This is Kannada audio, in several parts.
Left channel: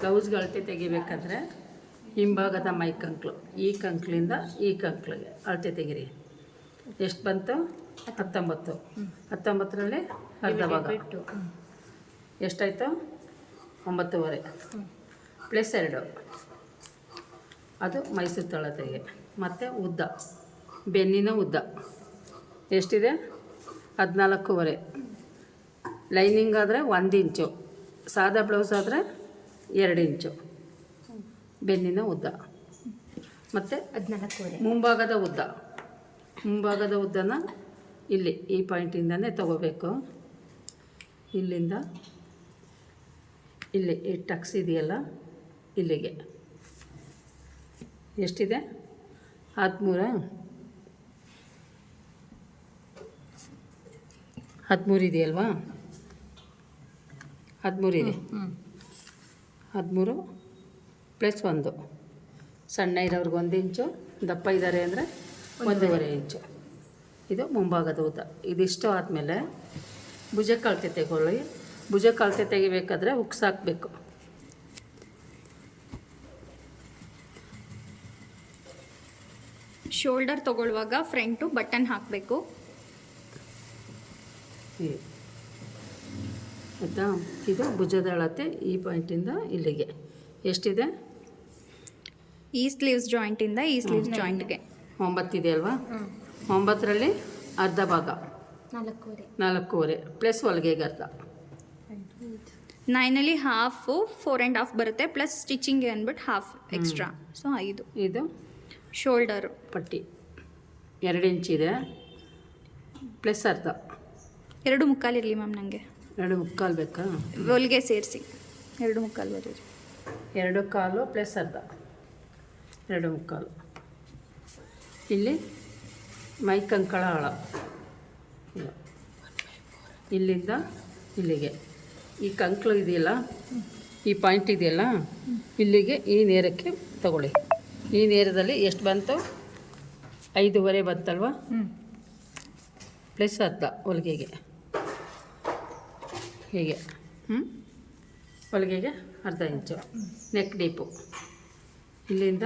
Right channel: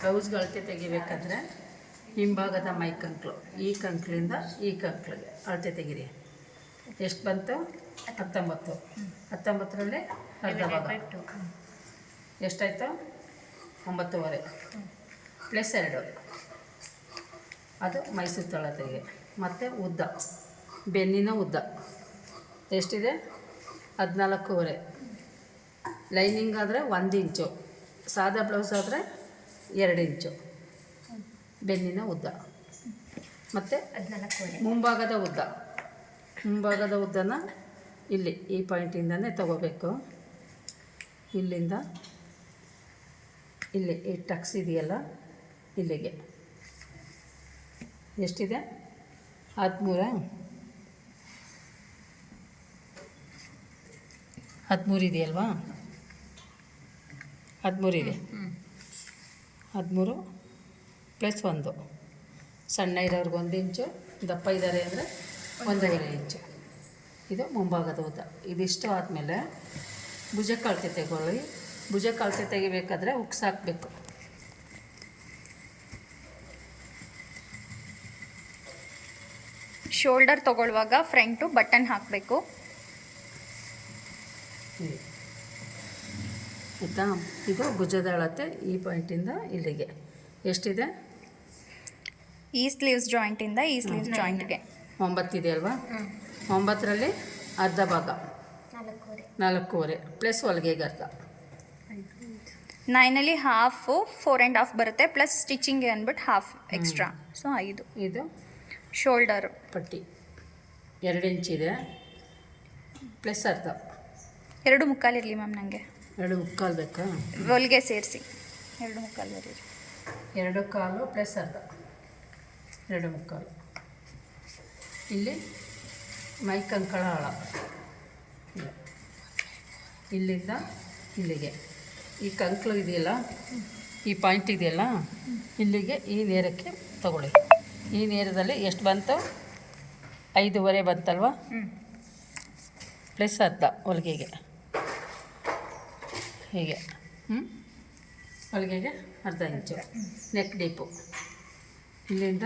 ಬ್ಲೌಸ್ಗೆ ಅಳತೆ ತೆಗಿಬೇಕಾದ್ರೆ ಹಿಂಭಾಗದ ಮೈ ಕಂಕ್ಳು ಈ ಕಂಕ್ಳಿಂದ ಈ ಕಂಕ್ಳಿಗೆ ಅಳತೆ ತೆಗಿರಿ. ಎಷ್ಟು ಬಂತು? 19. 19ರಲ್ಲಿ ಅರ್ಧ ಭಾಗ ಎಷ್ಟಾಯಿತು? 9.5 ಪ್ಲಸ್ 2 ಅದು ಮೈ ಸುತ್ತಳತೆಗೆ. ಮತ್ತು ಉದ್ದ, ಬೆನ್ನಿನ ಉದ್ದ ಎಷ್ಟಿದೆ? 14.5. ಲೈನಿಂಗ್ ಆದರೆ 1 ಇಂಚು, ಸಾದಾ ಬ್ಲೌಸ್ ಆದರೆ 2 ಇಂಚು ಬೆನ್ನಿನ ಉದ್ದ. ಮತ್ತು ಮುಂಭಾಗದ ಉದ್ದನ ಇಲ್ಲಿ ಈ ಪಾಯಿಂಟಿಂದನೇ ತಗೋಬೇಕು. ಇಲ್ಲಿಂದ ಇಲ್ಲಿ ಈ ಟಕ್ಸ್ ಇದೆಯಲ್ಲ ಇಲ್ಲಿಗೆ ಎಷ್ಟಿದೆ? 13 ಇದೆಯಲ್ವಾ? 13 ಇದೆ. 13 ಪ್ಲಸ್ 1. ಸಣ್ಣ ಇರೋರ್ಗೆ 1 ಇಂಚು, ದಪ್ಪ ಇದ್ದಾರೆ ಅಂದರೆ 1.5 ಇಂಚು. ಇದು ಮುಂಭಾಗದ ಉದ್ದ. ಇದಿಷ್ಟು ಆದಮೇಲೆ ಭುಜಕ್ಕೆ ಅಳತೆ ತೆಗೊಳ್ಳಿ. ಭುಜಕ್ಕೆ ಅಳತೆ ತೆಗಿಬೇಕಾದ್ರೆ ಹುಕ್ಸ್ ಹಾಕಬೇಕು. ಶೋಲ್ಡರ್ ತೊಗೊಳ್ಳುವಾಗ ಫ್ರಂಟು ಬಟನ್ ಹಾಕಬೇಕು. ಆಯಿತಾ? ಈಗ ಭುಜದ ಅಳತೆ ಈ ಪಾಯಿಂಟಿಂದ ಇಲ್ಲಿಗೆ ಎಷ್ಟಿದೆ? ಈ ಸ್ಲೀವ್ಸ್ ಜಾಯಿಂಟಿಂದ ಈ ಸ್ಲೀವ್ಸ್ ಜಾಯಿಂಟ್ಗೆ 9 ಇದೆ ಅಲ್ವಾ? 9ರಲ್ಲಿ ಅರ್ಧ ಭಾಗ 4.5 ಪ್ಲಸ್ ಹೊಲಿಗೆಗೆ ಅರ್ಧ. 9ಲ್ಲಿ ಹಾಫು 4.5 ಬರುತ್ತೆ, ಪ್ಲಸ್ ಸ್ಟಿಚಿಂಗ್ಗೆ ಅಂದ್ಬಿಟ್ಟು ಹಾಫ್ ಎಕ್ಸ್ಟ್ರಾ. ಸೊ 5. ಇದು ಶೋಲ್ಡರು ಪಟ್ಟಿ 2 ಇಂಚಿದೆ ಪ್ಲಸ್ ಅರ್ಧ. 2.25 ಇರಲಿ ಮ್ಯಾಮ್. ನನಗೆ 2.25 ಬೇಕಾ? ಹೊಲಿಗೆ ಸೇರಿಸಿ 2.25 ಬರೀರಿ. 2.25 ಪ್ಲಸ್ ಅರ್ಧ 2.25. ಇಲ್ಲಿ ಮೈ ಕಂಕಳ ಆಳ ಇದು ಇಲ್ಲಿಂದ ಇಲ್ಲಿಗೆ ಈ ಕಂಕ್ಳು ಇದೆಯಲ್ಲ, ಈ ಪಾಯಿಂಟ್ ಇದೆಯಲ್ಲ, ಇಲ್ಲಿಗೆ ಈ ನೇರಕ್ಕೆ ತಗೊಳ್ಳಿ. ಈ ನೇರದಲ್ಲಿ ಎಷ್ಟು ಬಂತು? 5.5 ಬಂತಲ್ವ? ಪ್ಲಸ್ ಅರ್ಧ ಹೊಲಿಗೆಗೆ. ಹೀಗೆ ಹೊಲಿಗೆಗೆ ಅರ್ಧ ಇಂಚು. ನೆಕ್ ಡೀಪು ಇಲ್ಲಿಂದ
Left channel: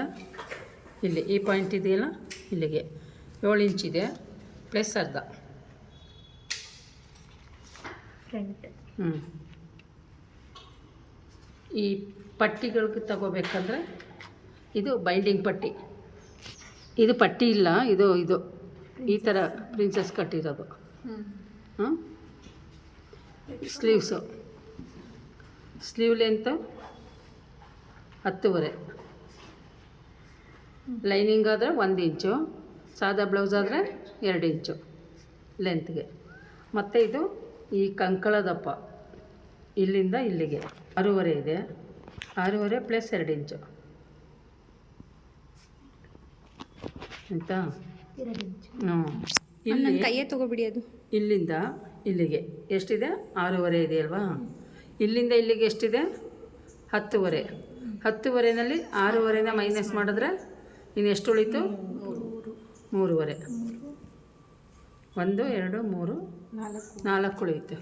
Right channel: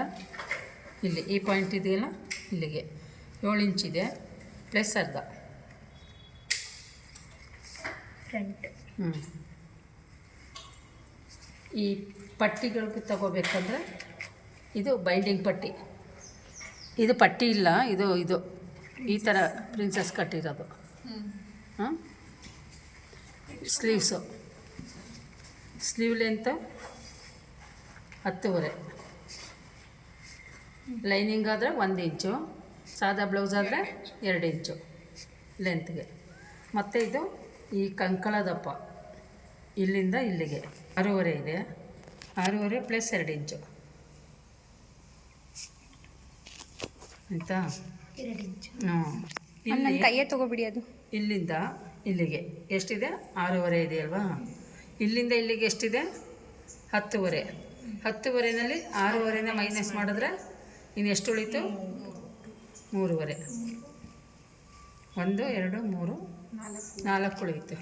ಇಲ್ಲಿ ಈ ಪಾಯಿಂಟ್ ಇದೆಯಲ್ಲ ಇಲ್ಲಿಗೆ 7 ಇಂಚಿದೆ ಪ್ಲಸ್ ಅರ್ಧ. ಈ ಪಟ್ಟಿಗಳಿಗೆ ತಗೋಬೇಕಂದ್ರೆ ಇದು ಬೈಂಡಿಂಗ್ ಪಟ್ಟಿ. ಇದು ಪಟ್ಟಿ ಇಲ್ಲ, ಇದು ಈ ಥರ ಪ್ರಿನ್ಸಸ್ ಕಟ್ಟಿರೋದು. Sleeve length 10.5. ಲೈನಿಂಗ್ ಆದರೆ 1 ಇಂಚು, ಸಾದಾ ಬ್ಲೌಸ್ ಆದರೆ 2 ಇಂಚು ಲೆಂತ್ಗೆ. ಮತ್ತು ಇದು ಈ ಕಂಕಳ ದಪ್ಪ ಇಲ್ಲಿಂದ ಇಲ್ಲಿಗೆ 6.5 ಇದೆ. 6.5 ಪ್ಲಸ್ 2 ಇಂಚು ಆಯಿತಾ? ನನ್ನ ಕೈಯೇ ತೊಗೊಬಿಡಿ. ಅದು ಇಲ್ಲಿಂದ ಇಲ್ಲಿಗೆ ಎಷ್ಟಿದೆ? 6.5 ಇದೆಯಲ್ವಾ? ಇಲ್ಲಿಂದ ಇಲ್ಲಿಗೆ ಎಷ್ಟಿದೆ? 10.5. 10.5ನಲ್ಲಿ 6.5ನ ಮೈನಸ್ ಮಾಡಿದ್ರೆ ಇನ್ನು ಎಷ್ಟು ಉಳಿತು? 3.5. 1 2 3 4 ಉಳಿಯುತ್ತೆ.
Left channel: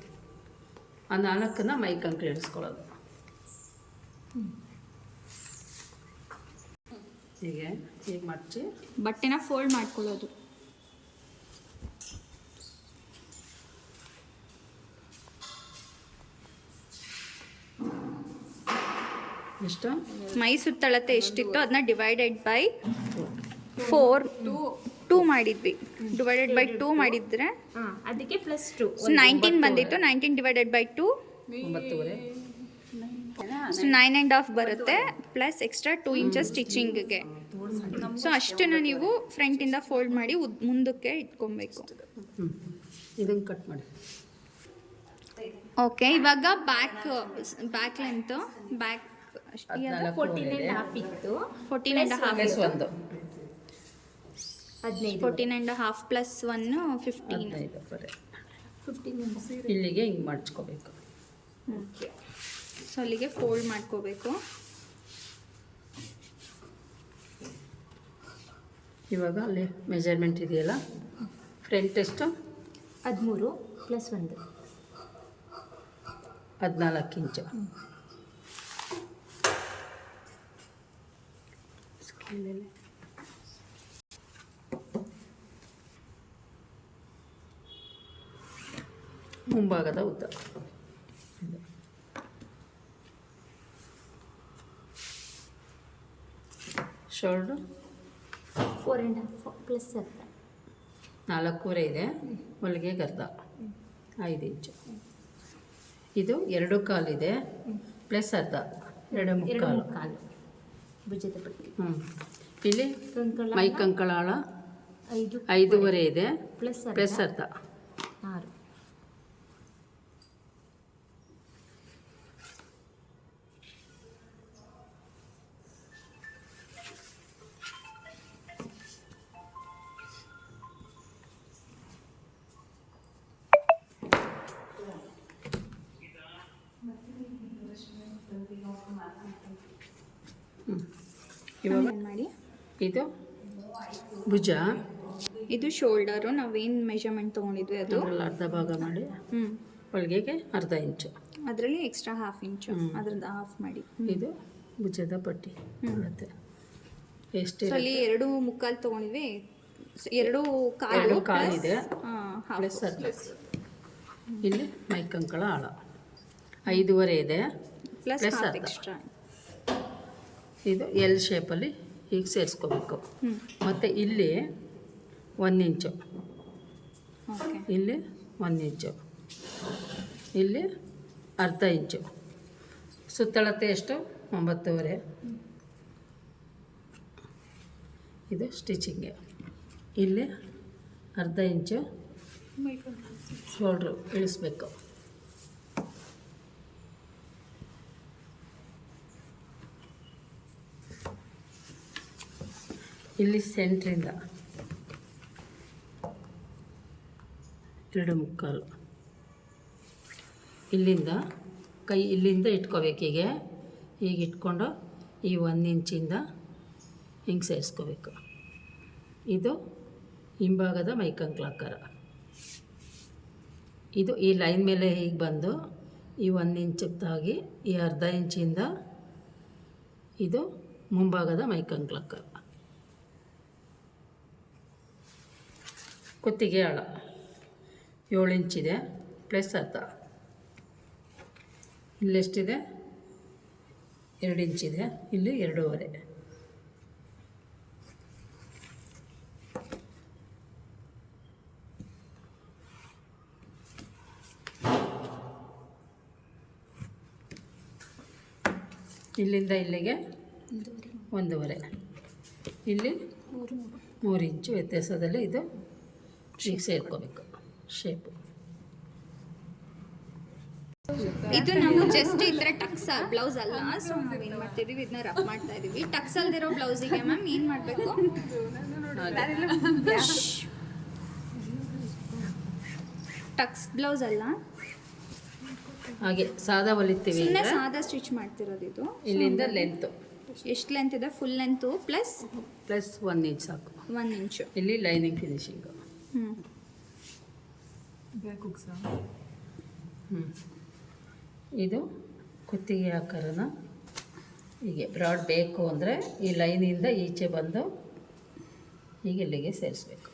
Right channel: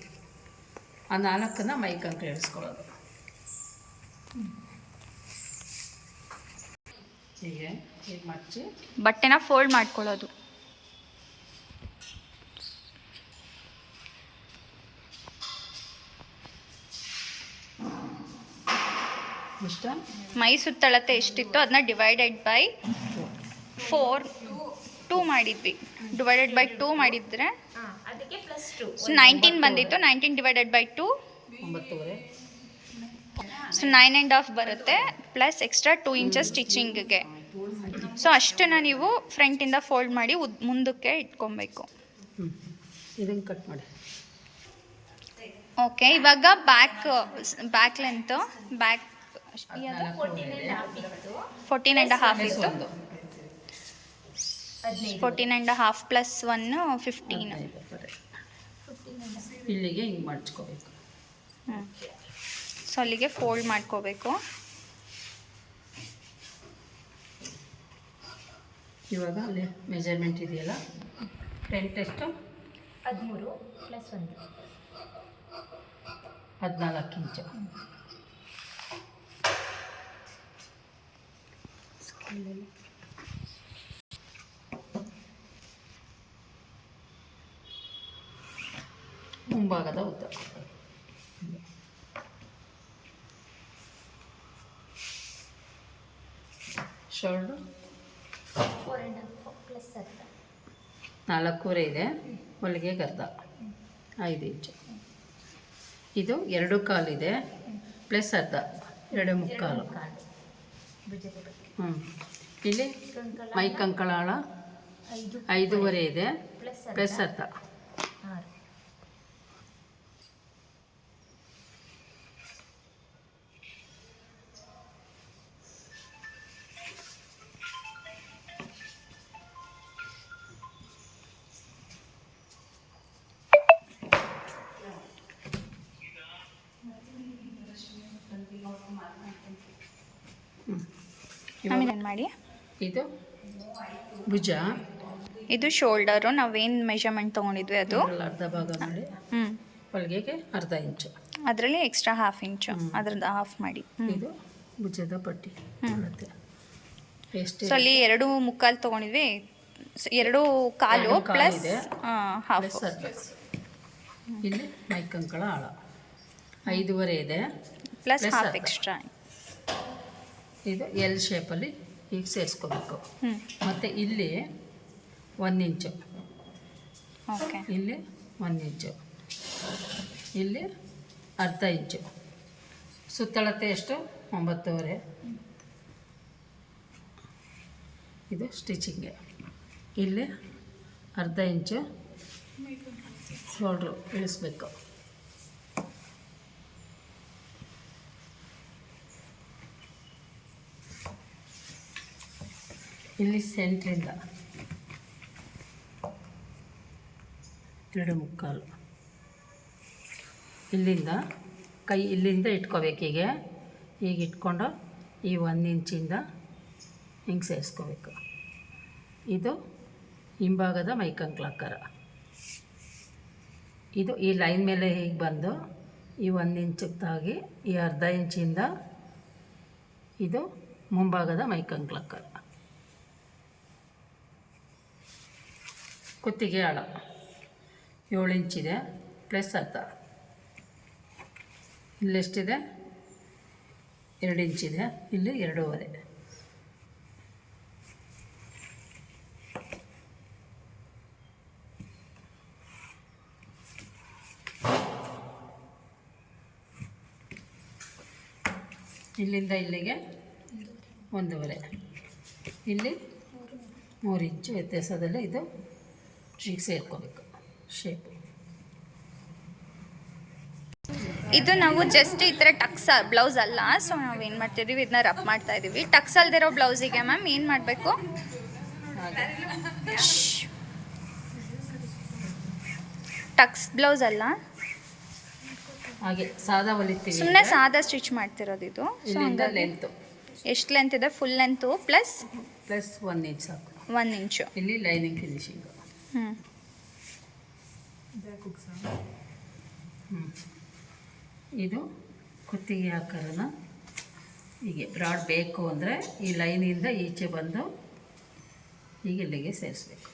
ಆ 4ನ್ನ ಮೈ ಕಂಕ್ಳು ಇಳಿಸ್ಕೊಳ್ಳೋದು. ಹೀಗೆ ಮಡಚಿ ಬಟ್ಟೆನ ಫೋಲ್ಡ್ ಮಾಡ್ಕೊಳ್ಳೋದು. ಎಷ್ಟು? ಮೈ ಸುತ್ತಳತೆ ಎಷ್ಟಿತ್ತು ಅದನ್ನ ಡಿವೈಡೆಡ್ ಬೈ 4 2 ಮಾಡಿದ್ವಿ. ಡಿವೈಡೆಡ್ ಬೈ 2 ಮಾಡಿದರೆ ಅದಕ್ಕೆ ಪ್ಲಸ್ 2 19 ಬಂದಿತ್ತು. 19 ಡಿವೈಡೆಡ್ ಬೈ 2 9.5. ಸೊ 9.5 ಬರುತ್ತೆ, ಪ್ಲಸ್ ಎಕ್ಸ್ಟ್ರಾ 2 ಇಂಚಸ್ ಸ್ಟಿಚಿಂಗ್ಗೆ. ಸೊ ಅಷ್ಟನ್ನು ನೀವು ಫ್ರಂಟಿಂದ ಫೋಲ್ಡ್ ಮಾಡಿ ಮುಂದಕ್ಕೆ ಇಟ್ಕೊಬೇಕು. ಇದನ್ನು ಕಟ್ ಮಾಡಿ. ಓಕೆ, ಇವಾಗ ಬ್ಯಾಕ್ ಲೆಂತ್ ಬ್ಯಾಕ್ 14.5 ಇತ್ತು. 14.5 ಪ್ಲಸ್ 1 15. ಇಲ್ಲಿಗೆ ಹಿಂಗೆ ಮಾಡಿಸ್ಕೋಬೇಕು. ಸೊ ಅಲ್ಲಿಗೆ ಫೋಲ್ಡ್ ಮಾಡ್ಕೋಬೇಕು. ಇವಾಗ ಅಲ್ಲಿ ಮೆಜರ್ಮೆಂಟ್ ಇದೆಯಲ್ಲ, ಫ್ರಂಟ್ ಎಷ್ಟು? 13 ಪ್ಲಸ್ 1 14 ಇಂಚು. ಮುಂಭಾಗದ ಉದ್ದ ಶೋಲ್ಡ್ರು 4.5 ಪ್ಲಸ್ ಅರ್ಧ. 4.25 ಇದೆ. ಹೊಲಿಗೆ ಗರ್ದ 5 ಇಂಚು. ಇದು 2 ಕಾಲಿದೆ ಪ್ಲಸ್ ಅರ್ಧ 2.25. ಕಾಲು ಭುಜದ ಬಗ್ಗೆ ಇಲ್ಲಿ ಕಂಕಣ ಮೈ ಕಂಕಳಾಳ 5.5 ಇದೆ ಪ್ಲಸ್ ಅರ್ಧ. 6. ಆಮೇಲೆ ಏನು ಮಾಡಿ, ಇದು ಭುಜ, ಇದು ಶೋಲ್ಡರು. ನಾವೇನು ಮೆಷರ್ಮೆಂಟ್ ತೊಗೊಂಡಿದ್ವಿ ಅದು ಇದ್ರಲ್ಲಿ ಅರ್ಧ ಭಾಗ ಮಾಡಿ ಹೊಲಿಗೆಗೆ ಅರ್ಧ ಇಂಚು, ಅದರಲ್ಲಿ ಎಕ್ಸ್ಟ್ರಾ 1/2 ಇಂಚು ಅದ್ರದ್ದು ಹಾಫ್ ಮಾಡಿ. ಇದು ಭುಜದ ಪಟ್ಟಿ ಅಳತೆ ಎಷ್ಟು ಸೊ ಅಲ್ಲಿ 2.25 ತೊಗೊಂಡಿದ್ವಿ, 2 ಕಾಲು ಎರಡು ಕಾಲು ಪ್ಲಸ್ ಇದೆ. ಹಾಫ್. ಪ್ಲಸ್ ಅರ್ಧ. ಇಲ್ಲಿ ಮೈ ಕಂಕಳ ಆಳ 5.25 ಇದೆ ಪ್ಲಸ್ ಪ್ಲಸ್ ಹಾಫ್ ಅರ್ಧ. ಎಕ್ಸ್ಟ್ರಾ. ಇದು ಎಲ್ ಶೇಪಲ್ಲಿ ಹೀಗೆ ಸೇರಿಸ್ಕೋಬೇಕು. ಮತ್ತು ಇಲ್ಲಿ 1 ಇಂಚು, ಓಕೆ. ಇಲ್ಲಿ 1 ಇಂಚು, ಇಲ್ಲಿ ಅರ್ಧ ಇಂಚು. ಸುತ್ತಳತೆ ಎಷ್ಟು? 9.25. ಇದು ಸ್ಟಿಚಿಂಗ್ಗೆ. ಇಲ್ಲಿ ಅರ್ಧ ಇಂಚು ಶೋಲ್ಡ್ರು ಇಳಿಸ್ಬೇಕು. ಇಲ್ಲಿ ಸೆಂಟ್ರಿಂದ 2.25. ಇಲ್ಲಿಂದ ಕೈ ಇಲ್ಲಿಂದ ಇಟ್ಕೋಬೇಕೀಗೆ, ಈಗ ಇಟ್ಕೊಂಡು ಈ 1 ಇಂಚಿಂದ ಹಿಂಗೆ ಸೇರಿಸ್ಕೋಬೇಕು. ಇದು ಹಿಂಭಾಗದ ಮೈಕಂಕ್ಲಾಕಾರ. ಇದು ಈ ಲೈನ್ ಮೇಲೆ ಹೀಗೆ ಬಂದು ಈ 1 ಇಂಚಿಗೆ ತಾಗಿ ಈ ಅರ್ಧ ಇಂಚಿಂದ ಇದು ಮುಂಭಾಗದ ಮೈಕಂಕ್ಲಾಕಾರ. ಕುತ್ತಿಗೆ ಆಳ 7 ಇಂಚಿದೆ ಪ್ಲಸ್ ಅರ್ಧ. ಇಲ್ಲೆಷ್ಟಿದೆ? 2 ಇಂಚಿದೆ, ಇಲ್ಲಿ 2.25. ಇಲ್ಲಿಂದ ಇಲ್ಲಿಗೆ 1.25. ಇಲ್ಲಿ 3 ಇಂಚು ವ್ಯತ್ಯಾಸದಲ್ಲಿ ಇದು ಈಗ ಸೇರ್ಕೋಬೇಕು ಶೇಪು. ಇದು ನಾವು ಜಸ್ಟ್ ಈ ಥರ ಟಕ್ಸ್ ಬ್ಲೌಸ್ ಅಲ್ಲ, ಸೊ ನಾವೇನು ಮಾಡ್ತಿದ್ದೀವಿ, ಇದನ್ನ ರಬ್ ಮಾಡ್ತಾ ಇದ್ದೀವಿ. ಟಕ್ಸ್ ಅಲ್ದಿರೋ ಬ್ಲೌಸಿಗೆ ಮ್ಯಾಮ್ ಏನು ಮಾಡಬೇಕು? ಹಾಗೆ ಟಕ್ಸ್ ಬ್ಲೌಸ್ ಅಲ್ಲ, ಹಾಗೆ ಸಾದಾ ಹೊಲಿತೀವಿ. ಸುಮ್ಮನೆ ಸಾದಾ ಸ್ಟಿಚ್ ಮಾಡ್ತಿರೋದು ಇದು. ಇಲ್ಲಿಂದ ಲೆಂತು ಎಷ್ಟು ಲೆಂತ್ ಇದೆ? ಫುಲ್ ಲೆಂತು ಪ್ಲಸ್ 1 ಇಂಚ್ ಸಾಕು. 1 ಇಂಚು. ಇಲ್ಲಿ ಲೈನಿಂಗ್ ಫಿನಿಶಿಂಗು. ಇದು ಕುತ್ತಿಗೆ ಆಕಾರನ ಹೀಗೆ ಬ್ರಾಡ್ ಬೇಕು ಅಂದರೆ ಈ ಲೈನಿಂದ ಈಚೆ ಬಂದು ಹೀಗೆ ಇಲ್ಲಿಗೆ ಸೇರಿಸ್ಬೇಕು.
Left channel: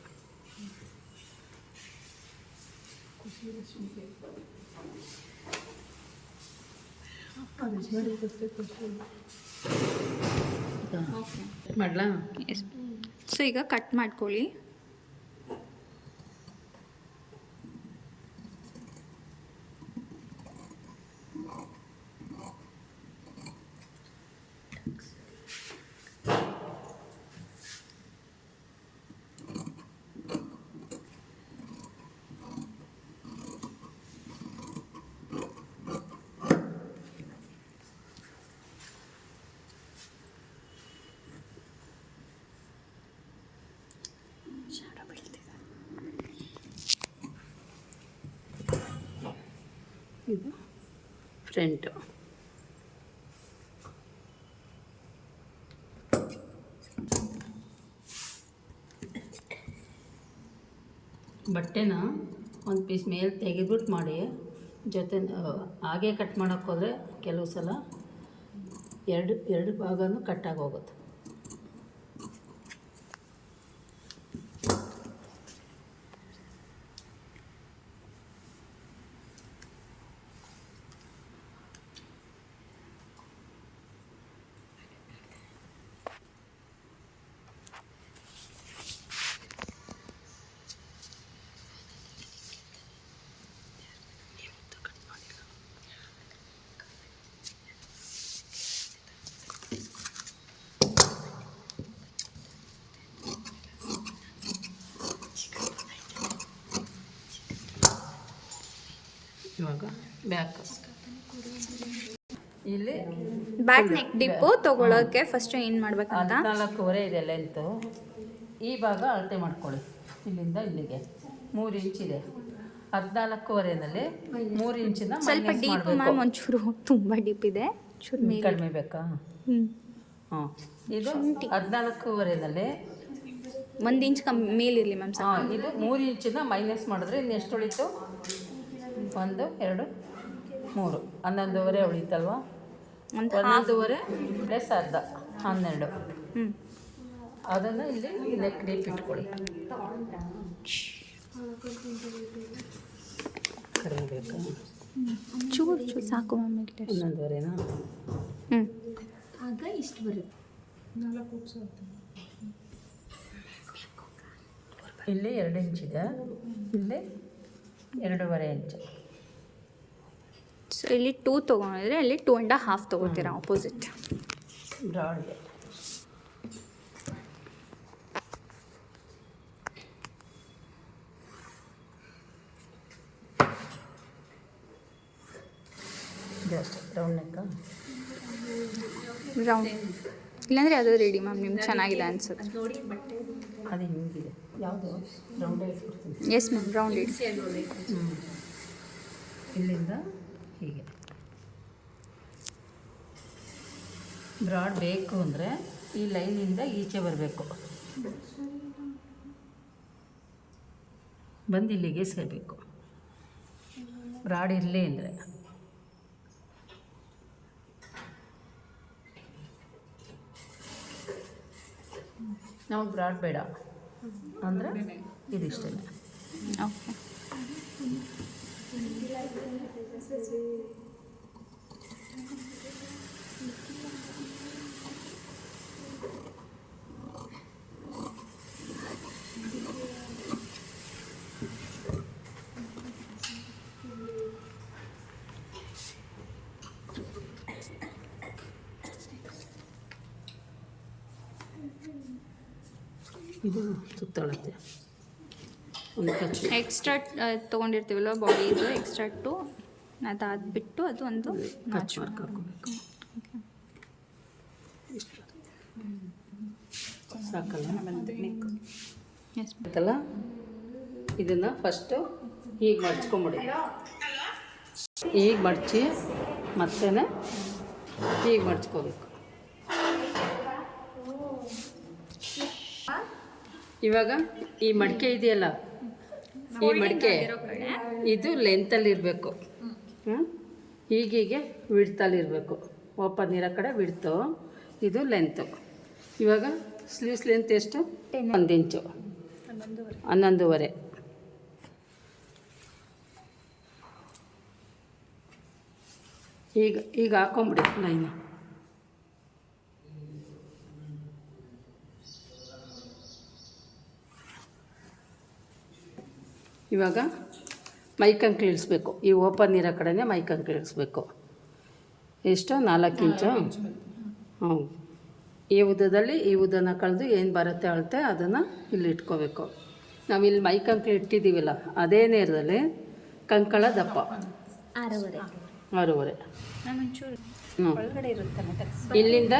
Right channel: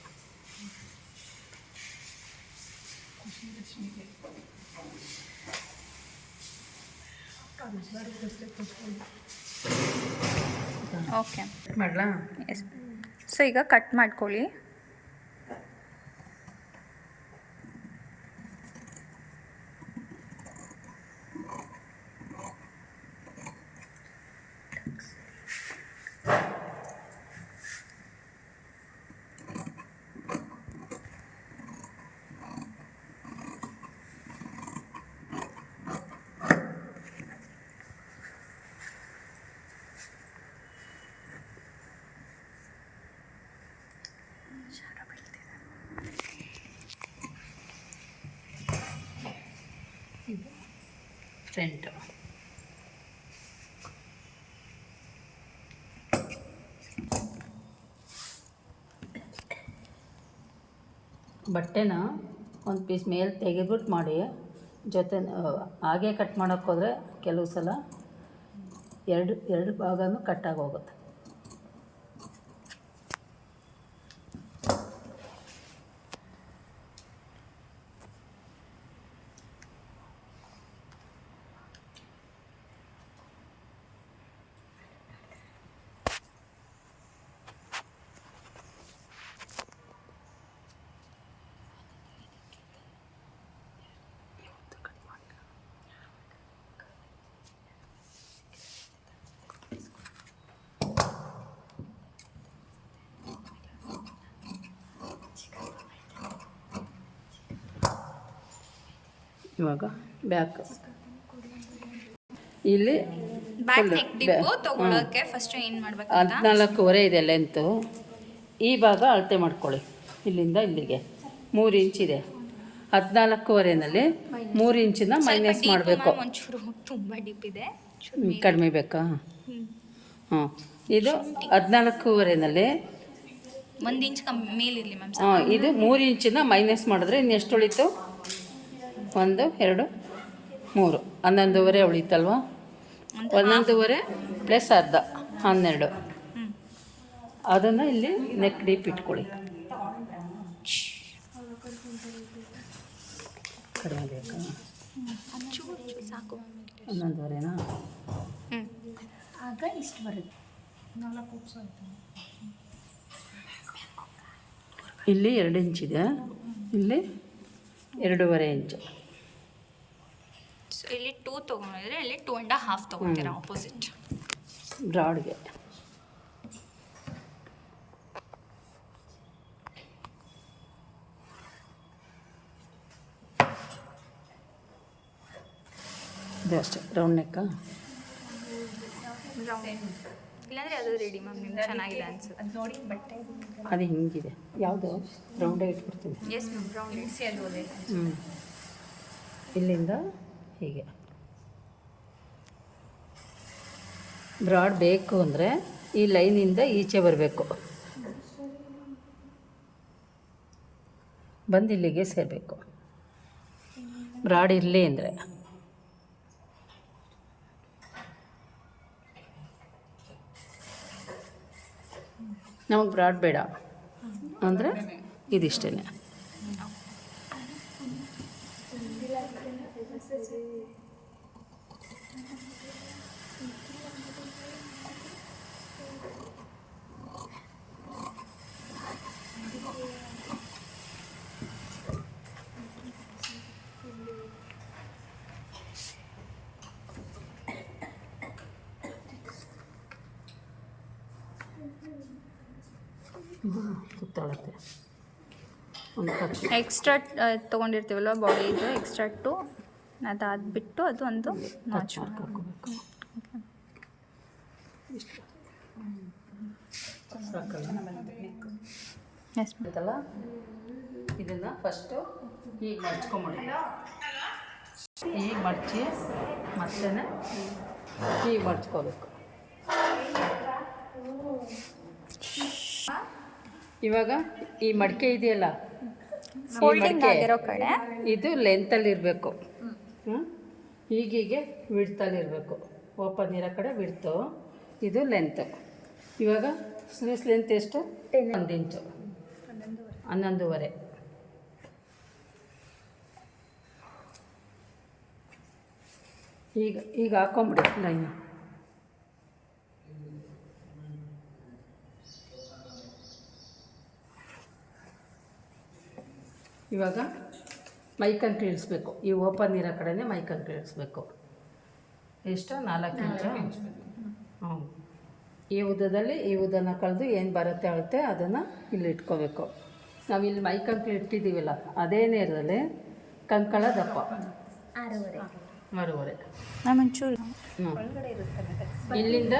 ಓಕೆ, ಮಾಡಲಾ? ಎಸ್. ಸೊ ಈಗ ಕಟ್ ಮಾಡ್ಕೊಳ್ಳಿ. ಇದು ಫ್ರಂಟು. ಬಟ್ಟೆನ ಒಂದು ಪೀಸ್ ಮೇಲೆ ತೆಗೆದ್ಬಿಟ್ಟು ಮಾಡಿ ಜೊತೆ ಹಾಗೆ ಕಟ್ ಮಾಡೋಕ್ಕೆ ಹೋದರೆ ಕೆಲವು ಸಲ ಎರಡು ಭಾಗನೂ ಕಟ್ಟಾಗಿ ಹೋಗುತ್ತೆ. ಇವಾಗ ಬ್ಯಾಕ್ ಇಲ್ಲಿ ಬ್ಯಾಕ್ ನೆಕ್ ಡಿಪ್ಪು ತೊಗೊಳೋಕ್ಕೆ ಫಸ್ಟು ಏನು ಮಾಡ್ಬೇಕಂತ 14.5 ಇದೆ ಲೆಂತು. ಈ ಭಾಗ ಅಳತೆ ಮಾಡ್ಕೊಳ್ಳಿ. ಇಲ್ಲಿಂದ ಇಲ್ಲಿಗೆ 3 ಇಂಚಿದೆ. 14.5ನಲ್ಲಿ 3 ಇಂಚಿನ ಮೈನಸ್ ಮಾಡಬೇಕು. ಒಂಚೂರು ತುಂಬ ಡೀಪ್ ಇದೆ, ಕಡಿಮೆ ಬೇಕಾ? ಹಾಂ, ಇದು 14.5ನಲ್ಲಿ 1 ಇಂಚ್ ಮೇಲಿರಲಿ ಮ್ಯಾಮ್. ಹಾಂ, ಇದು 3 ಇಂಚಿನ ಮೈನಸ್ ಮಾಡಿದ್ರೆ ಇನ್ನೆಷ್ಟು ಉಳಿತು? 1 2 3 11.5 ಉಳಿತಲ್ವಾ? 11.5 ಪ್ಲಸ್ ಅರ್ಧ 12. ಅದನ್ನು ಇಲ್ಲಿ ನೆಕ್ ಡೀಪ್ ಇಟ್ಕೊಳ್ಳಿ. ಕಡಿಮೆ ಬೇಕಾ? ಚೂರು ಸಾಕು ಮ್ಯಾಮ್. 11.5ನಾ? ಆಗ ಇಷ್ಟು ಬರುತ್ತೆ. 4 ಇಲ್ಲಿ 2 ಇಂಚಿದೆ, ಇಲ್ಲಿ 2.5 ಇಂಚು. ಸೊ ಇಲ್ಲಿ 2 ತೊಗೊಂಡಿದ್ರೆ ಇಲ್ಲಿ 2.5 ತೊಗೊತೀರಾ ಆಪೋಸಿಟ್ ಬ್ರಾಡ್ಗೆ. ಇದು ಅಷ್ಟೇ ರೌಂಡ್ ನೆಕ್ಕಾ? ರೌಂಡ್ ಇಲ್ಲಾಂದರೆ ಅದು ರೆಡಿ ಮ್ಯಾಮ್, ನಿಮ್ಗೆ ಚೆನ್ನಾಗಿದೆ ಅನ್ಸುತ್ತೆ. ಅದು ನೋಡಿ ಬಟ್ಟೆ ಅದು ಹಿಂಗಿದೆ. ಯಾವುದು ರೌಂಡೇ ಇಟ್ಬಿಡ್ತೀನಿ. ಎಸ್ ಮ್ಯಾಮ್, ರೌಂಡ್ ಇಡಿಸಿ ಅದು ಒಳ್ಳೆ. ಇಲ್ಲಿಂದ ಹೀಗೆ ಬ್ರಾಡ್ ಬೇಕು ಅಂದರೆ ಈ ಲೈನಿಂದ ಈಚೆ ಬರಬೇಕು, ಬಂದು ಇಲ್ಲಿಗೆ ಸೇರಬೇಕು. ಬ್ರಾಡ್ ಇರಲಿ ಅಂದರೆ ನಮಗೆ ಬ್ರಾಡ್ ಬೇಡ ಅಂದರೆ ಇದಿಷ್ಟೇ. ಓಕೆ. ಇದು ಸುತ್ತಳತೆ ಒಂದು ಖರ್ಚು ಎಕ್ಸ್ಟ್ರಾ ತೊಗೊಂಡಿರ್ತೀವಲ್ವ ಬಾಡಿದು ಎಕ್ಸ್ಟ್ರಾ 2 ಅದಾದ ಬಿಟ್ಟು ಅದು ಒಂದು ನಾಚ್ ಮಾರ್ಕ್ ಹಾಕೋಬೇಕು. ಇಷ್ಟು ಸಾಕಲ್ಲ? ಎಸ್ ಆಯ್ತಲ್ಲ? ಇದನ್ನು ಫಸ್ಟು ಹೀಗೆ ಮಡ್ಚ್ಕೊಂಬಿಡಿ. ಹೀಗೆ ಮಡಚಿ ಮತ್ತೆ ಹೀಗೆ ಮಡ್ಚ್ಕೋಬೇಕು. ಇವಾಗ ಈ ಮಡಿಕೆ ಇದೆಯಲ್ಲ, ಈ ಮಡಿಕೆ ಇದು ಲೆಂತಲ್ಲಿ ಇರಬೇಕು. ಹೀಗೀಗೆ ವಿಡ್ತಲ್ಲಿರಬೇಕು. ಓಪನ್ ಇರೋ ಕಡೆ ವಿಡ್ತು, ಇದು ಲೆಂತು. ಇವಾಗ ಸ್ಲೀವ್ಸ್ ಲೆಂತ್ ಎಷ್ಟು? 1 ಇಂಚು, 11.5. ಈಗ ಹಾಕೊಂಬಿಡಿ ಲೈನು. ಇವಾಗ ಮೈಕಂಗೆ ಇಳಿಸ್ಬೇಕು. ಈ ಓಪನ್ ಇರೋ ಕಡೆನೇ ಮೈಕಂಗೆ ಇಳಿಸ್ಬೇಕು. ಎಷ್ಟು? 4 ಇಂಚು. ಹ್ಞೂ, ಈ ಉದ್ದದಲ್ಲಿ ಈ ಉದ್ದನ ಕಳೆದು ಏನು ಬರುತ್ತೆ ಅಳತೆ ಅದನ್ನು ಇಲ್ಲಿ ಇಟ್ಕೋಬೇಕು. ನಾವು ಇಲ್ಲಿ ಮೈಕಂಕ್ಳು ಇಟ್ಟಿದ್ದೀವಲ್ಲ ಅದೇ ನೇರದಲ್ಲಿ ಕಂಕಳ ದಪ್ಪ 6.5. ಹ್ಞೂ, ಇಲ್ಲಿಂದ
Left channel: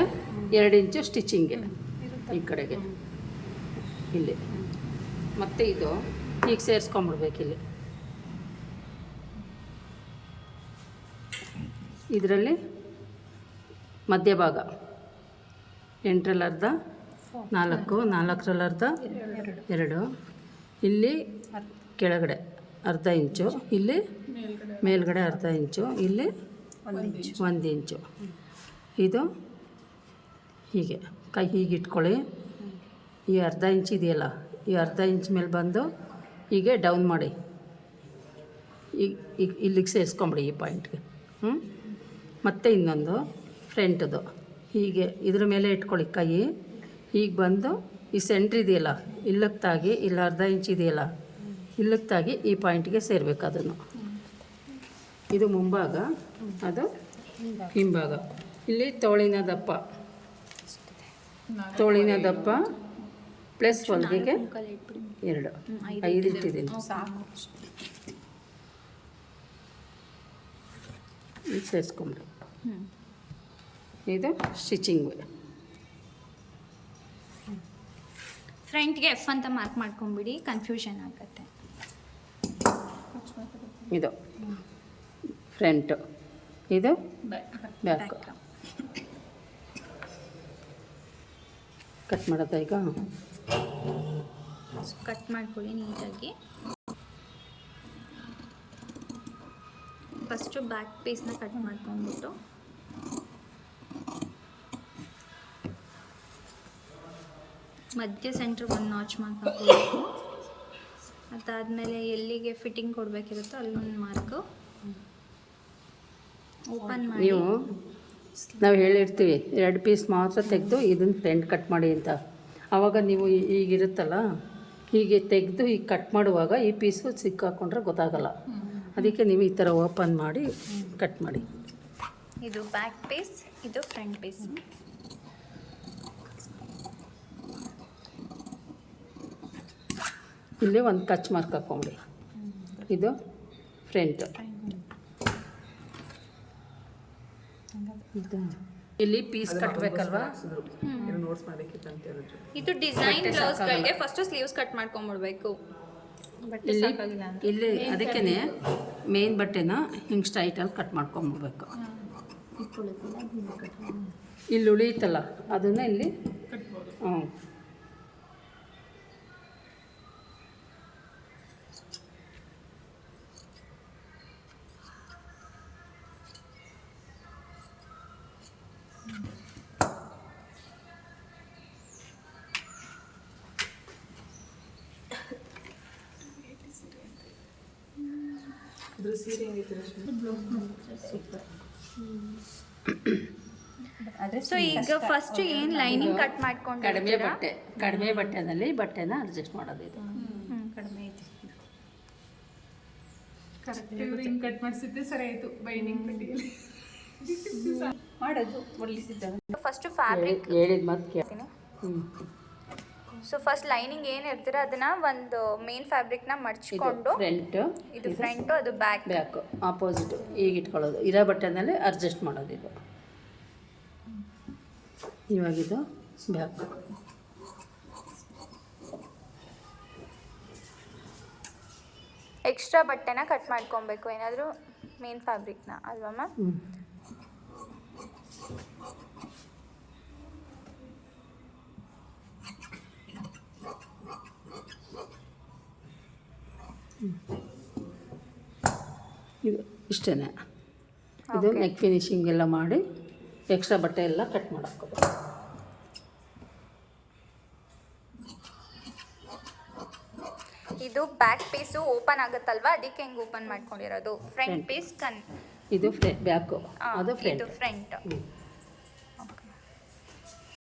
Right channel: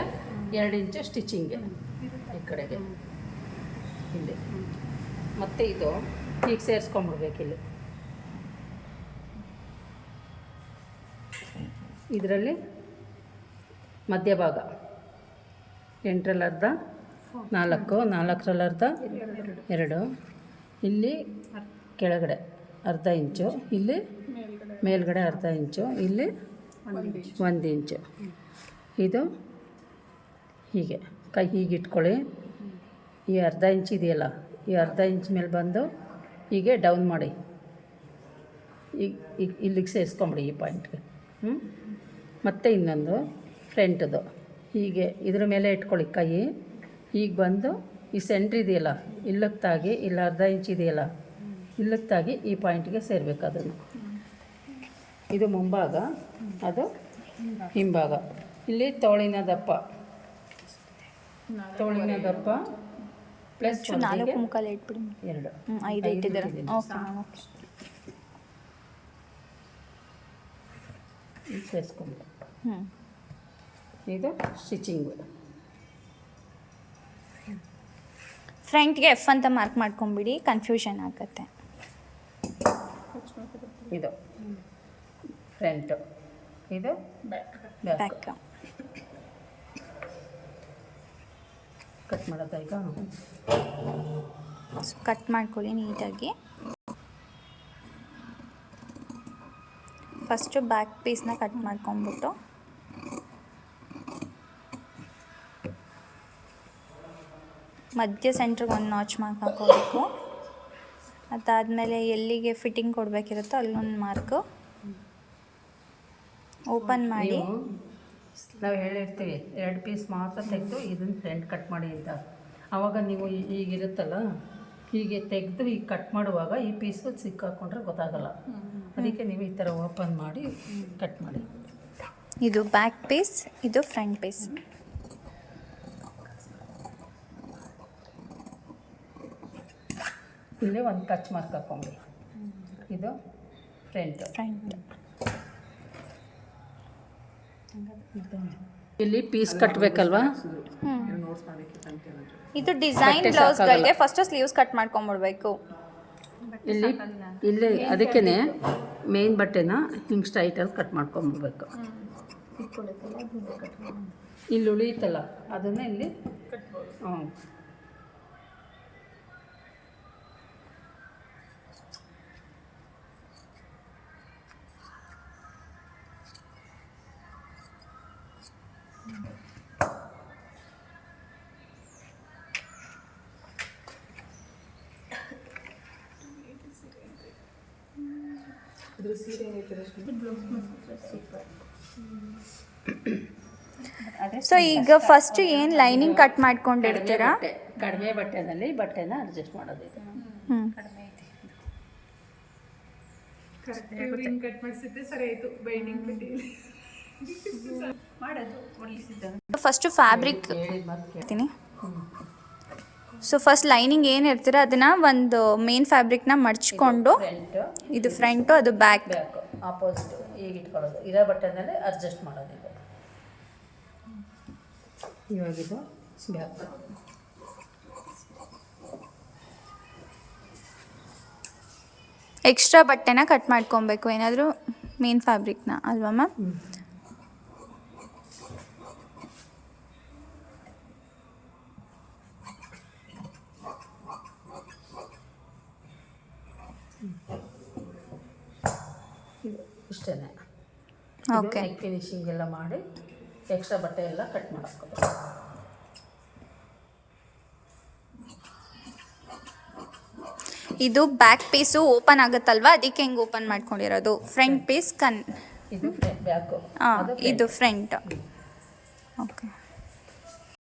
2 ಇಂಚು ಸ್ಟಿಚಿಂಗ್ಗೆ ಈ ಕಡೆಗೆ ಇಲ್ಲಿ. ಮತ್ತು ಇದು ಈಗ ಸೇರಿಸ್ಕೊಂಬಿಡ್ಬೇಕು. ಇಲ್ಲಿ ಇದರಲ್ಲಿ ಮಧ್ಯಭಾಗ 8ರಲ್ಲಿ ಅರ್ಧ 4, 4ರಲ್ಲಿ ಅರ್ಧ 2, ಇಲ್ಲಿ ಕೆಳಗಡೆ ಅರ್ಧ ಇಂಚು, ಇಲ್ಲಿ ಮೇಲ್ಗಡೆ ಅರ್ಧ ಇಂಚು, ಇಲ್ಲಿ 1 ಇಂಚು. ಇದು ಹೀಗೆ ಕೈ ಹೀಗೆ ಇಟ್ಕೊಳ್ಳಿ. ಈ ಅರ್ಧ ಇಂಚ್ ಇದೆಯಲ್ಲ, ಈ ಅರ್ಧ ಇಂಚ್ ಮೇಲೆ ಬಂದು ಹೀಗೆ ಡೌನ್ ಮಾಡಿ ಈಗ ಇಲ್ಲಿಗೆ ಸೇರಿಸ್ಕೊಂಬಿಡಿ ಈ ಪಾಯಿಂಟ್ಗೆ. ಮತ್ತು ಇನ್ನೊಂದು ಫ್ರಂಟದು ಹೀಗೆ ಇದ್ರ ಮೇಲೆ ಇಟ್ಕೊಳ್ಳಿ ಕೈ. ಹೀಗೆ ಬಂದು ಈ ಸೆಂಟ್ರ್ ಇದೆಯಲ್ಲ ಇಲ್ಲಕ್ಕೆ ತಾಗಿ, ಇಲ್ಲಿ ಅರ್ಧ ಇಂಚ್ ಇದೆಯಲ್ಲ ಇಲ್ಲಕ್ಕೆ ತಾಗಿ ಈ ಪಾಯಿಂಟ್ಗೆ ಸೇರಬೇಕು. ಅದನ್ನು ಇದು ಮುಂಭಾಗ, ಅದು ಹಿಂಭಾಗ. ಇಲ್ಲಿ ತೋಳಿನ ದಪ್ಪ ಪ್ಲಸ್ 1ಗೆ 2, 5 ಇಟ್ಟಿದ್ದೀನಿ. ಈಗ ಸೇರಿಸ್ಕೊಂಬಿಡಿ. ಹ್ಞೂ ಇದು ಸ್ಟಿಚಿಂಗ್. ಫ್ರಂಟ್ಗೆ ಎಫ್ ಅಂತ ಮಾರ್ಕ್ ಮಾಡ್ಕೊಂಬಿಡಿ, ಕನ್ಫ್ಯೂಷನ್ ಆಗುತ್ತೆ. ಇದು ಫ್ರಂಟು, ಇದು ಬ್ಯಾಕ್. ಬ್ಯಾಕ್. ಬ್ಯಾಕ್. ಕಟ್ ಮಾಡೋದಾ ಈಗ? ಕಟ್ ಮಾಡ್ಕೊಳ್ಳಿ ನೀಟಾಗಿ. ಫಸ್ಟು ಬ್ಯಾಕ್ ಪೀಸ್ನ ಕಟ್ ಮಾಡ್ಕೊಂಬಿಟ್ಟು ಮಧ್ಯ ಸೆಂಟ್ರಿಗೆ ಒಂದು ನಾಚ್ ಮಾರ್ಕ್ ಹಾಕೋಬೇಕು. ಅದಾದಮೇಲೆ ಎಲ್ಲಿಗೆ ಫಿಟ್ಟಿಂಗ್ ಕೊಡಬೇಕಿರುತ್ತೋ ಅಲ್ಲೊಂದು ಮಾರ್ಕು ಓಪನ್ ಮಾಡಿ. ನೀವು ನಾವು ಹೇಳಿರ್ತೀವಿ 2 ಪೀಸ್ ಮಾತ್ರ ತೆಗೆದು ಇದನ್ನು ಫ್ರಂಟ್ ಕಟ್ ಮಾಡಿ ಅಂತ. ಆವಾಗ ನೀವು ಈಗಿರುತ್ತಲ್ಲ, ಹೀಗೆ ತೆಗೆದು ಈಗ ಕಟ್ ಮಾಡುವಾಗ ಈ ಪೀಸು ಸಿಕ್ಕಾಕೊಂಡ್ರೆ ಗೊತ್ತಾಗಲ್ಲ. ಅದಕ್ಕೆ ನೀವು ಈ ಥರ ಓಪನ್ ಮಾಡಿ ಕಟ್ ಮಾಡಿ. ಇದು ಬ್ಯಾಕ್ ಪೀಸ್, ಇದು ಫ್ರಂಟ್ ಪೀಸ್. ಇಲ್ಲಿ ಒಂದು ಕಚ್ ಮಾರ್ಕ್ ಹಾಕ್ಕೊಂಬಿಡಿ. ಇದು ಫ್ರಂಟ್. ಇಲ್ಲಿ ಪೀಸ್ ಕಟ್ಟಬೇಕಲ್ವಾ? ಇದು ಡಿಸೈನ್ ಬ್ಲೌಸ್ಗಳಿಗೆ ಫಸ್ಟ್ ಸ್ಲೀವ್ಸ್ ಕಟ್ ಮಾಡ್ಕೊಂಬಿಡ್ಬೇಕು. ಇಲ್ಲಿ ಅದಕ್ಕೇ ಮೇನ್ ಬಟ್ಟೆನ ಹಿಂಗೆ ಸ್ಟ್ರೈಟಲ್ಲಿ ಕಟ್ ಮಾಡ್ಕೊಂಬಿಡ್ಬೇಕು. ಇಲ್ಲಿ ಉಳಿಯುತ್ತಲ್ಲ ಅದನ್ನು ಇಲ್ಲಿ ಹ್ಞೂ ಸೊ ಈಗ ಫಸ್ಟ್ ಏನು ಲೈನಿಂಗ್ ಕಟ್ ಮಾಡ್ಕೊಂಡಿರ್ತೀರಾ, ಕಡಿಮೆ ಬಟ್ಟೆನಲ್ಲಿ ಬಟ್ಟೆನ ಅಡ್ಜಸ್ಟ್ ಮಾಡೋದು ಇದು. ಹಿಂಗೆ ಕಟ್ ಮಾಡಿಸಿದ್ದೆ ಸರಿ ಆಯಿತು. ಬೈಂಡಿಂಗ್ ಮಾಡೋದು ಫಸ್ಟು ಫ್ಯಾಬ್ರಿಕ್ ಹೇಳಿದ ಮಾತು ಹೇಳ್ತೀನಿ. ಸೊ ಫಸ್ಟ್ ಲೈನಿಂಗ್ ಏನು ಇರ್ತೀರ ಅದನ್ನು ಒಂದು ಮೇನ್ ಫ್ಯಾಬ್ರಿಕ್ನ ಮಡ್ಚ್ಕೊಂಡು, ಫ್ರಂಟು, ಇದು ಫ್ರಂಟು, ಅದು ಬ್ಯಾಕ್. ಬ್ಯಾಕು ಆಪೋಸಿಟ್ ಈಗ ಇಟ್ಕೊಳ್ಳೋದು. ಇರೋ ಬಟ್ಟೆನಲ್ಲಿ ಅಡ್ಜಸ್ಟ್ ಮಾಡೋದು ಇದು. ಇವಾಗಿದು ಬ್ಯಾಕ್. ಎಕ್ಸ್ಟ್ರಾ ಬಟ್ಟೆನ ಕಟ್ ಮಾಡ್ಕೊಬೇಕು, ಏನಾದರೂ ಮೇನ್ ಫ್ಯಾಬ್ರಿಕ್ನ ಅಲ್ವಾ ಮ್ಯಾಮ್? ಇದು ಇಷ್ಟೇ. ಇದು ಓಕೆ. ನೆಕ್ ಫಿನಿಶಿಂಗ್ ಎಲ್ಲ ಮಾಡಿ ಎಕ್ಸ್ಟ್ರಾ ಬಟ್ಟೆ ಎಲ್ಲ ಕಟ್ ಮಾಡೋದು. ಇದು ಬ್ಯಾಕ್ ಪೀಸು ಓಪನ್ ಆಗುತ್ತಲ್ವಾ, ಅದಕ್ಕೆ ಹೆಂಗೆ ಓಪನ್ ಮಾಡ್ಕೊಂಡಿರೋದು. ಫ್ರಂಟ್ ಪೀಸ್ ಇದು ಬ್ಯಾಕು, ಇದು ಫ್ರಂಟ್. ಓಕೆ.